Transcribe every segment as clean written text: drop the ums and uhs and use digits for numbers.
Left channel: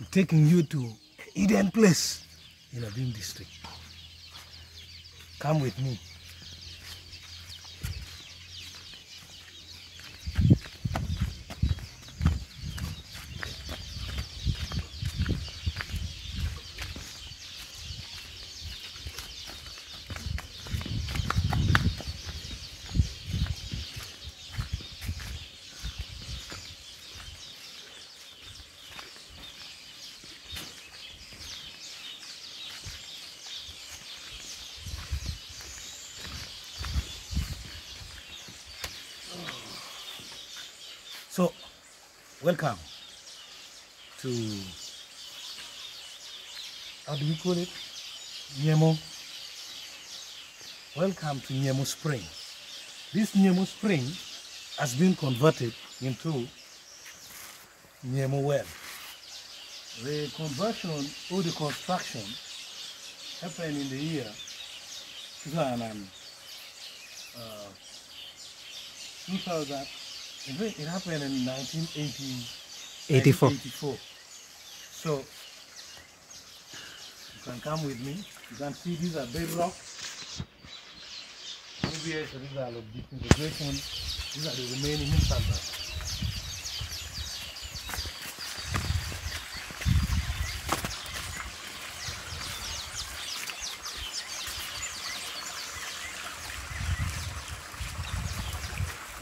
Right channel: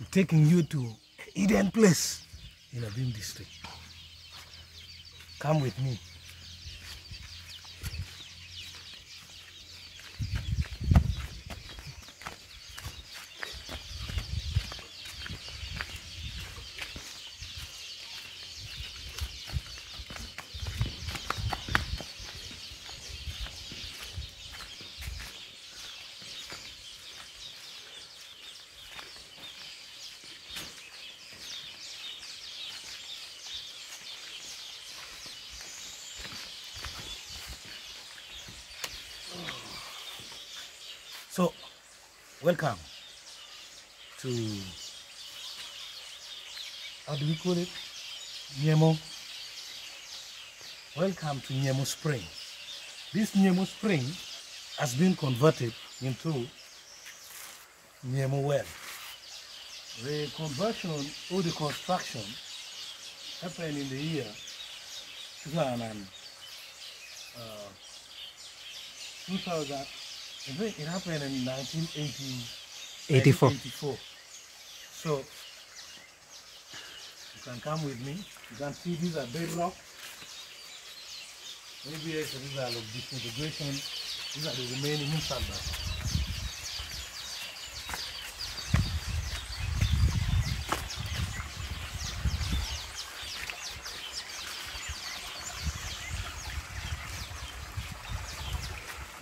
I'm taking you to Eden Place in Abim district. Come with me. So, welcome to, how do we call it? Nyemo. Welcome to Nyemo Spring. This Nyemo Spring has been converted into Nyemo Well. The conversion or the construction happened in the year 2000. It happened in 1984. So you can come with me. You can see these are bedrock. Maybe these are like disintegration. These are the remaining inside.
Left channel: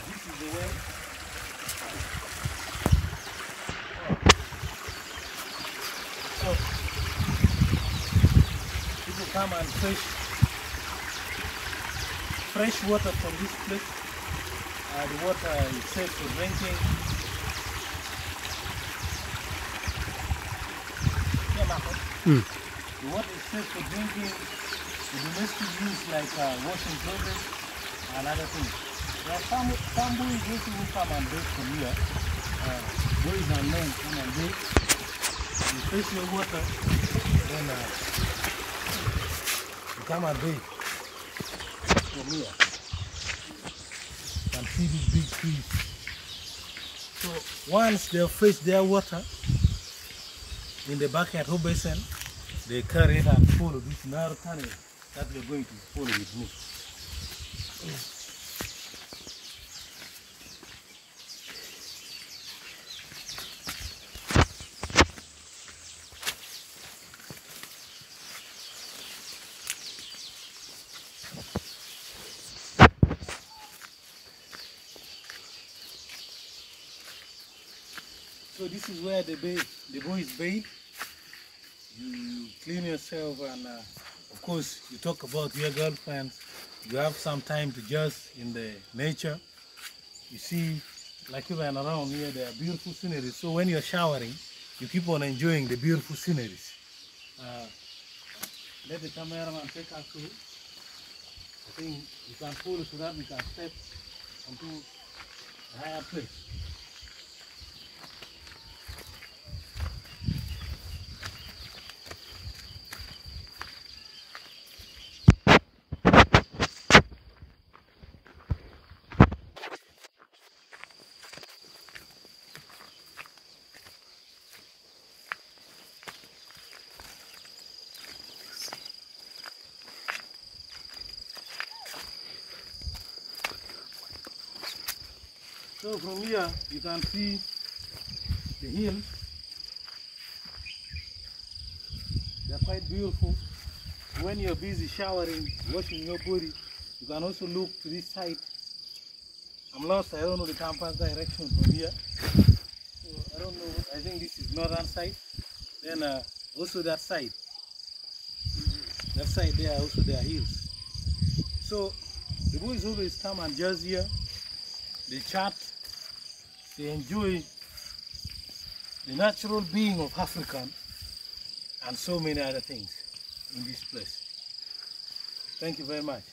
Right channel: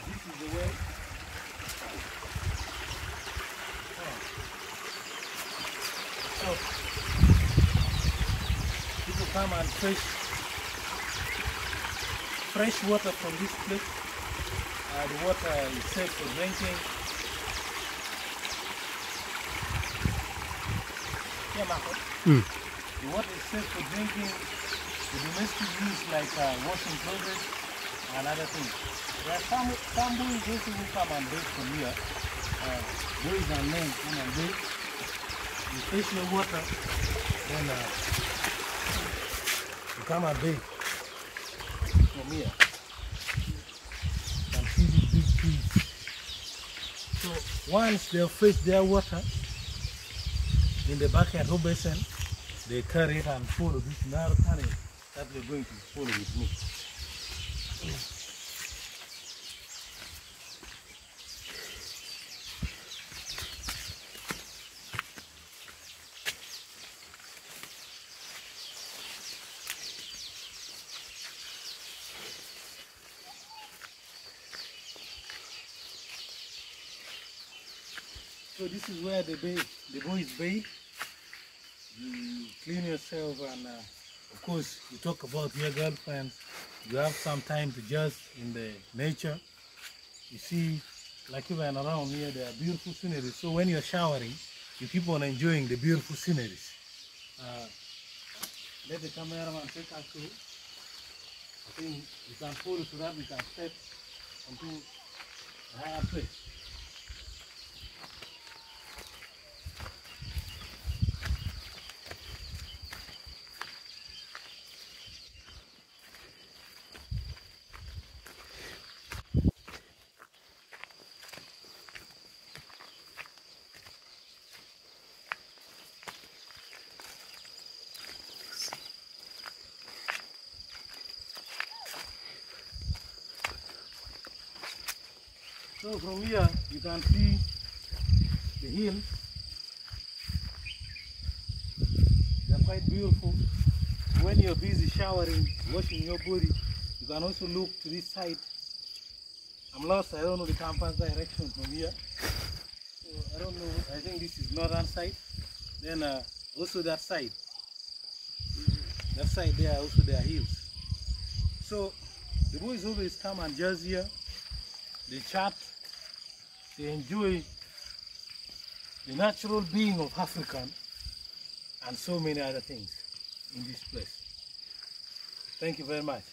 This is the way. So people come and fresh water from this place. The water is safe for drinking. The water is safe for drinking. The domestic use like washing clothes and other things. There are some boys also who come and bathe from here. Boys and men come and bathe. You fish the water, then you come and bathe from here. You can see these big trees. So once they fish their water in the backyard or basin, they carry it and follow this narrow tunnel that you're going to follow with me. So this is where the boys bathe. You clean yourself and of course you talk about your girlfriends. You have some time to just in the nature. You see, like even around here there are beautiful sceneries. So when you're showering, you keep on enjoying the beautiful sceneries. Let the cameraman take us through. I think we can follow so that we can step onto a higher place. So from here you can see the hills. They're quite beautiful. When you're busy showering, washing your body, you can also look to this side. I'm lost, I don't know the compass direction from here. So I don't know, I think this is northern side. Then also that side. That side there also there are hills. So the boys always come and just here. They chat, they enjoy the natural being of African and so many other things in this place. Thank you very much.